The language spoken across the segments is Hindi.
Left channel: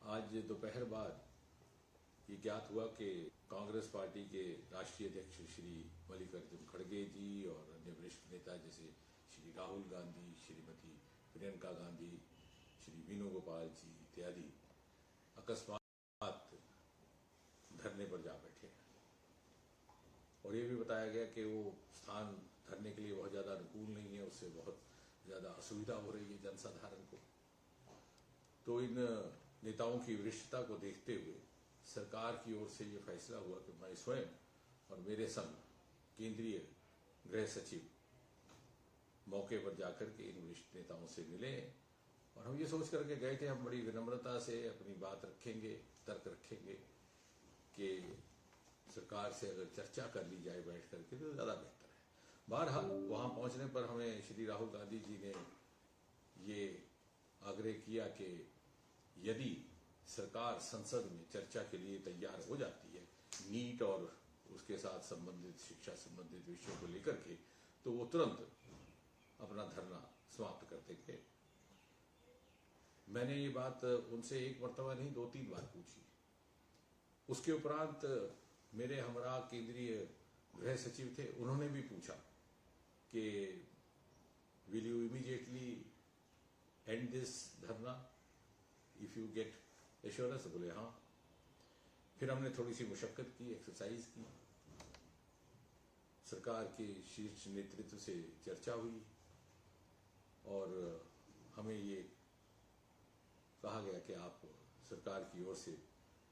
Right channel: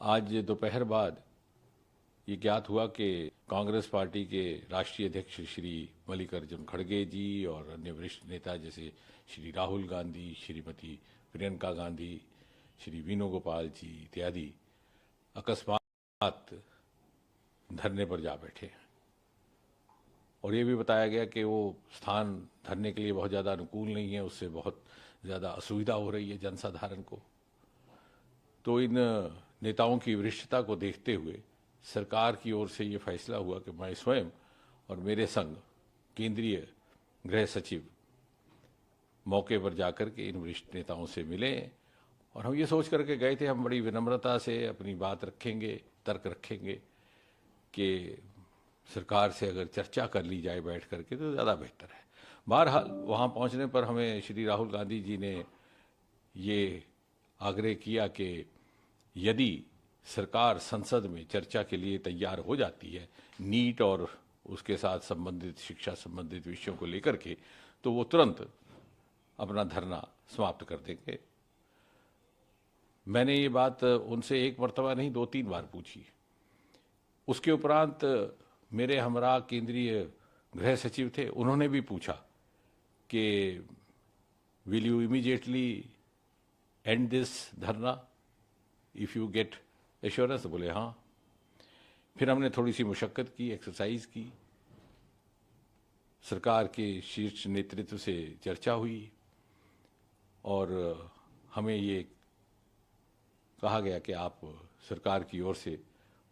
आज दोपहर बाद ये ज्ञात हुआ कि कांग्रेस पार्टी के राष्ट्रीय अध्यक्ष श्री मल्लिकार्जुन खड़गे जी और अन्य वरिष्ठ नेता जैसे श्री राहुल गांधी, श्रीमती प्रियंका गांधी, श्री वेणुगोपाल जी इत्यादि अकस्मात धरने पर जा बैठे। और ये भी बताया गया कि वो स्थान धरने के लिए बहुत ज़्यादा अनुकूल नहीं है, उससे बहुत ज़्यादा असुविधा हो रही है जनसाधारण को। तो इन नेताओं की वरिष्ठता को देखते हुए सरकार की ओर से ये फैसला हुआ कि मैं स्वयं और मेरे संग केंद्रीय गृह सचिव मौके पर जाकर के इन वरिष्ठ नेताओं से मिले और हम ये सोच करके गए थे हम बड़ी विनम्रता से अपनी बात रखेंगे, तर्क रखेंगे कि सरकार से अगर चर्चा कर ली जाए बैठ करके तो ज़्यादा बेहतर है। बहरहाल वहाँ पहुँचने पर हमें श्री राहुल गांधी जी ने ये आग्रह किया कि यदि सरकार संसद में चर्चा के लिए तैयार हो जाती है नीट और उसके साथ संबंधित शिक्षा संबंधित विषयों को लेकर के, तो वो तुरंत अपना धरना समाप्त कर देंगे। मैंने ये बात उनसे एक मर्तबा नहीं 2-3 बार पूछी। उसके उपरांत मेरे हमरा केंद्रीय गृह सचिव थे, उन्होंने भी पूछा कि will you immediately and this धरना इफ़ यू गेट एश्योरेंस। बोले हाँ। फिर हमने थोड़ी सी मुशक्क़त की, एक्सरसाइज की, सरकार के शीर्ष नेतृत्व से चर्चा हुई और हमें ये कहा गया कि आप सरकार की ओर से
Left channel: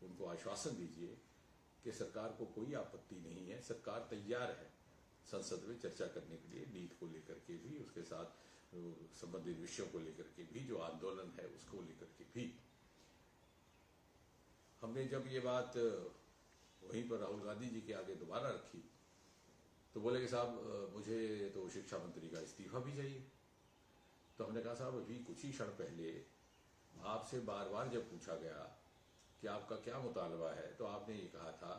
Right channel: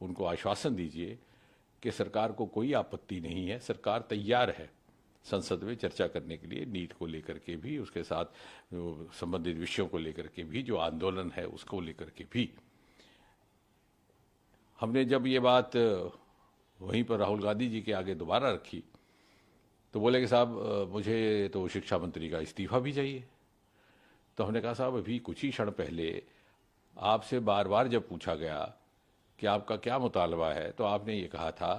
उनको आश्वासन दीजिए कि सरकार को कोई आपत्ति नहीं है, सरकार तैयार है संसद में चर्चा करने के लिए, नीट को लेकर के भी, उसके साथ संबंधित विषयों को लेकर के भी, जो आंदोलन है उसको लेकर के भी। हमने जब ये बात वहीं पर राहुल गांधी जी के आगे दोबारा रखी तो बोले कि साहब मुझे तो शिक्षा मंत्री का इस्तीफा भी चाहिए। तो हमने कहा साहब अभी कुछ ही क्षण पहले आपसे बार बार जब पूछा गया कि आपका क्या मुतालबा है तो आपने ये कहा था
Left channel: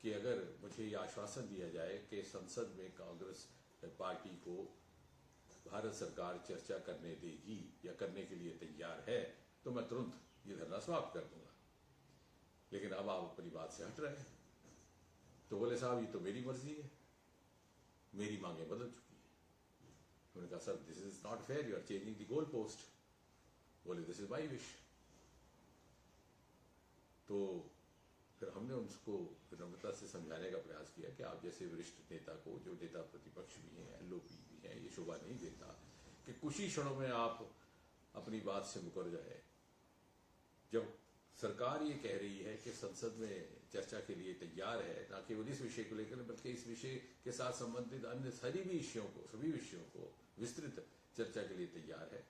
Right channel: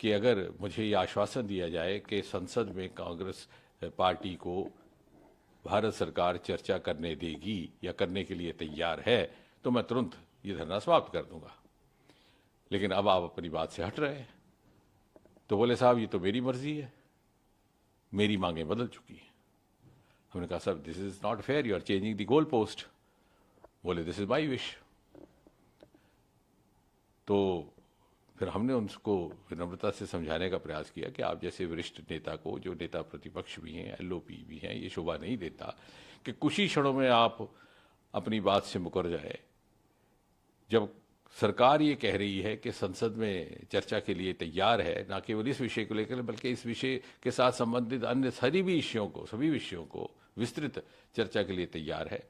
कि अगर मुझे ये आश्वासन दिया जाए कि संसद में कांग्रेस पार्टी को भारत सरकार चर्चा करने देगी या करने के लिए तैयार है तो मैं तुरंत ये धरना समाप्त कर दूंगा। लेकिन अब आप अपनी बात से हट रहे हैं। तो बोले साहब ये तो मेरी मर्जी है, मेरी मांगें बदल चुकी हैं। हमने कहा साहब this is not fair, you are changing the goal post. बोले दिस इज माई विश। तो फिर हमने उनको विनम्रता से समझाने का प्रयास किया कि आप जैसे वरिष्ठ नेता को, जो नेता प्रतिपक्ष भी हैं, एलओपी भी हैं, ये शोभा नहीं देता कि कुछ ही क्षणों में आप अपनी बात से मुकर जाए। जब सरकार ये कह रही है कि संसद में चर्चा के लिए तैयार है, ना केवल इस विषय को लेकर बल्कि इस विषय के साथ संबंधित अन्य सभी विषयों को विस्तृत चर्चा के लिए तैयार है,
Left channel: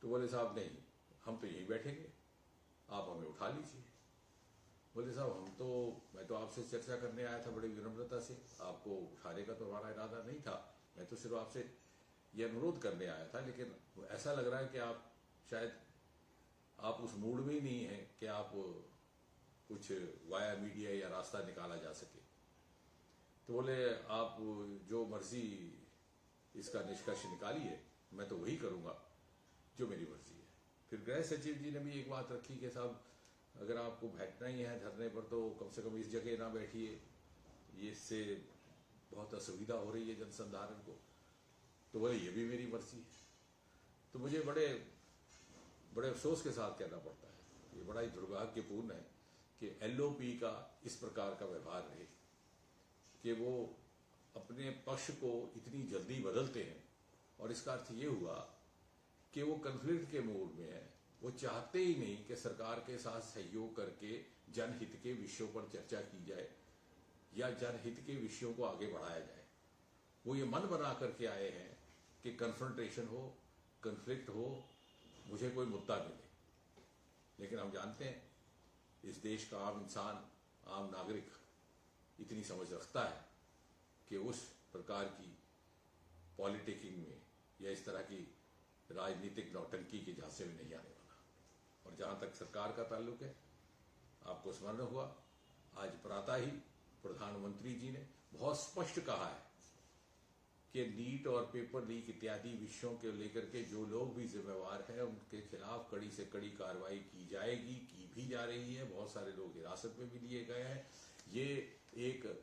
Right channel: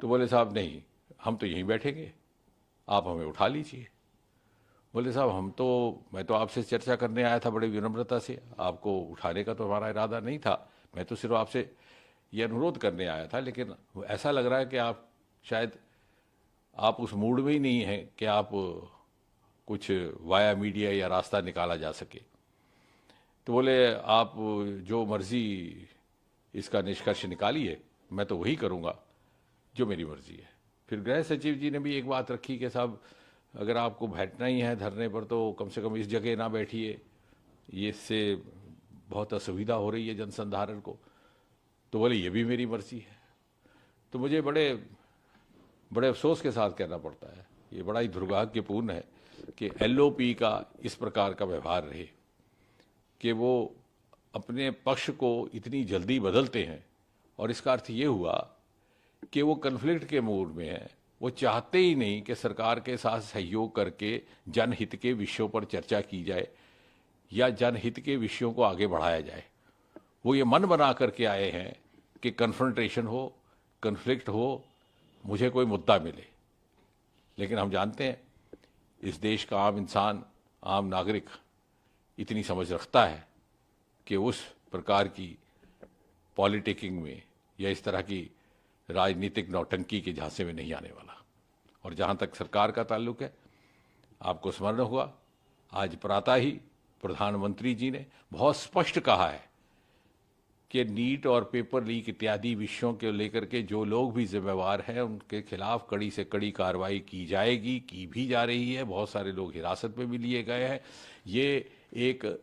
तो बोले साहब नहीं, हम तो यहीं बैठेंगे, आप हमें उठा लीजिए। बोले साहब मैं तो आपसे चर्चा करने आया था बड़ी विनम्रता से, आपको उठाने का तो हमारा इरादा नहीं था, मैं तो सिर्फ आपसे ये अनुरोध करने आया था। लेकिन ऐसा लग रहा है कि आप शायद आप उस मूड में ही नहीं हैं कि आप कुछ वाया मीडिया या रास्ता निकाला जा सके। तो बोले आप जो मर्जी इसका निष्कर्ष निकालिए, मैं तो वही करूँगा जो मेरी मर्जी है। फिर गृह सचिव जी ने भी एक बात रखी कि साहब अगर आपको बैठना ही है धरने पर तो कम से कम इस जगह ना बैठिए, ये इससे बहुत असुविधा हो रही है जनसाधारण को। तो बोले ये भी मेरी मर्जी है। तो मुझे बड़े अफसोस के साथ कहना पड़ता है, ये बड़ा ही दुर्भाग्यपूर्ण है कि एलओपी का इस प्रकार का व्यवहार रहे कि वो अपने पक्ष को इतनी जल्दी बदलते हैं। और इसका अर्थ ये हुआ कि वो कन्फ्लिक्ट के मूड में है, वो चाहते ही नहीं कि सरकार के साथ सहयोग करके जनहित के विषयों पर चर्चा की जाए या जनहित के विषयों को आगे बढ़ाया जाए। वो ये मन बना करके आए हैं कि कन्फ्रंटेशन हो, कन्फ्लिक्ट हो, मुझे कोई मुद्दा मिले। लेकिन हम जानते हैं इस देश का आम इंसान, आम नागरिक इतनी समझ रखता है कि उस प्रकार की पॉलिटिकिंग में या इस तरह की राजनीतिक नौटंकी के झांसे में नहीं आने वाला। और जहाँ तक सरकार का ताल्लुक है, आपको स्मरण होगा आज प्रातः ही प्रधानमंत्री जी ने बहुत स्पष्ट कहा है कि नीट और पेपर लीक इत्यादि विषयों के लेकर के जो लोग भी जिम्मेवार हैं उनके खिलाफ कड़ी से कड़ी कार्रवाई की जाएगी, की भी जा रही है। बहुत सारे लोग हिरासत में भी लिए गए हैं। ये एक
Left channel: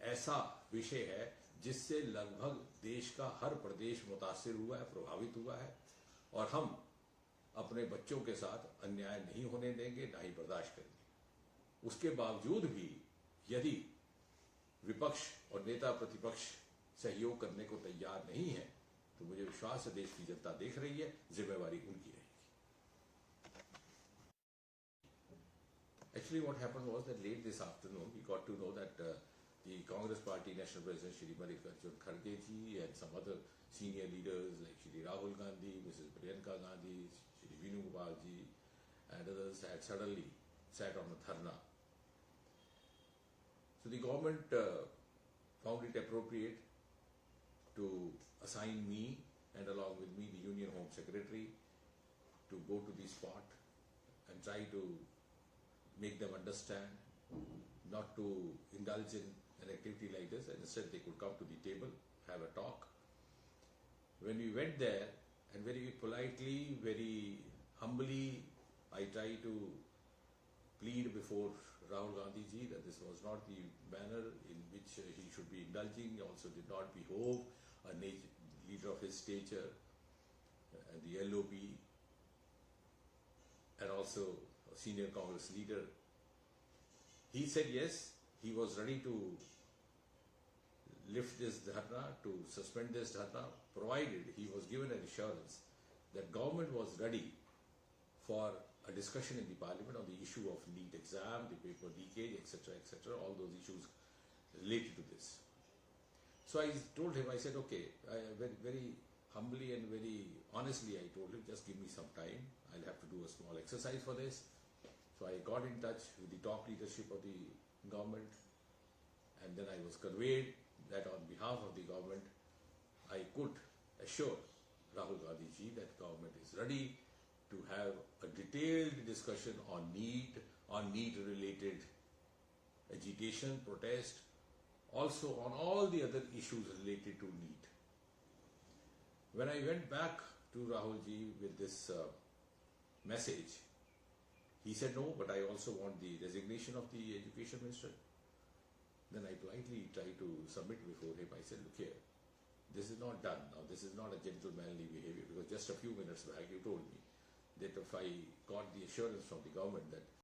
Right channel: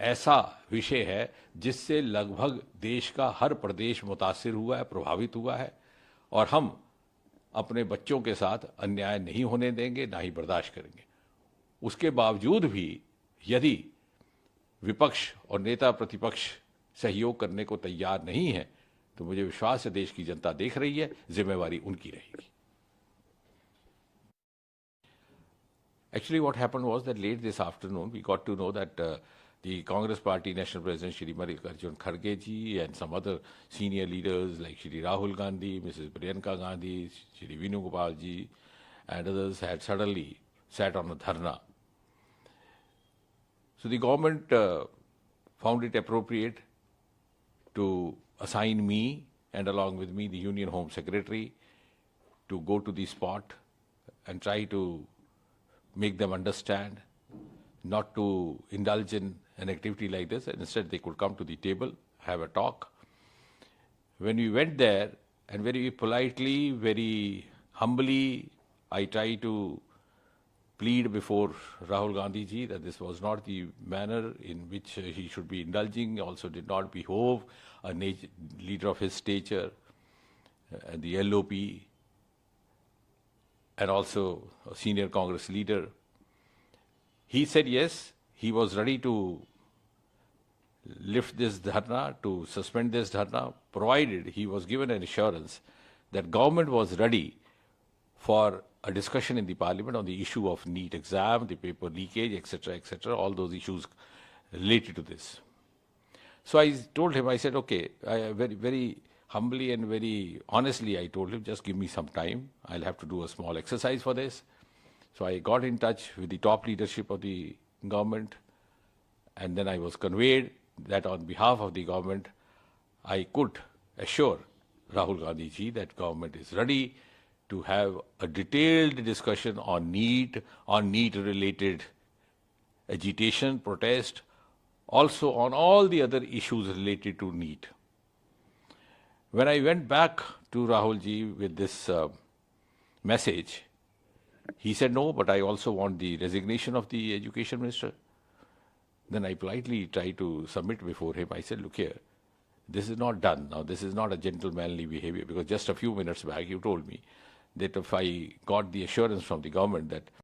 ऐसा विषय है जिससे लगभग देश का हर प्रदेश मुतासिर हुआ है, प्रभावित हुआ है, और हम अपने बच्चों के साथ अन्याय नहीं होने देंगे, ना ही बर्दाश्त करेंगे। उसके बावजूद भी यदि विपक्ष और नेता प्रतिपक्ष सहयोग करने को तैयार नहीं है तो मुझे विश्वास है देश की जनता देख रही है, जिम्मेवारी उनकी रहेगी। Actually, what happened was that late this afternoon, we got to know that the Congress Party National President Shri Mallikarjun Kharge ji and some other senior leaders like Shri Rahul Gandhi, Mrs. Priyanka Gandhi, Shri Venugopal ji, and others had suddenly sat on a dharna. So the government found it appropriate to assign me and along with me the Union Home Secretary to go to the spot and try to make them understand not to indulge in an activity like this, and instead they could come to the table, have a talk. When we went there, and very politely, very humbly, I tried to plead before Rahul Gandhi ji that this was not the manner in which he should be indulging, also did not behove a leader of his stature, the LOP, and also a senior Congress leader. He said yes, he was ready to lift this dharna, to suspend this dharna, provided he was given an assurance that government was ready for a discussion in the parliament on the issue of NEET exam, the paper leakage, etc., all those issues related to this. So I told him, I said, okay, very, very humbly and very honestly, I told him, just give me some time. I'll have to do a small exercise for this. So I got in touch with the top leadership of the government, and then I was conveyed that on behalf of the government, I could assure Rahul Gandhi ji that government is ready to have a detailed discussion on NEET-related agitation, protest, also on all the other issues related to NEET. When I went back to Rahul ji with this message, he said, no, but I also want the resignation of the education minister. Then I politely tried to submit before him. I said, look here, this is not done. Now, this is not a gentlemanly behavior, because just a few minutes back you told me that if I got the assurance from the government that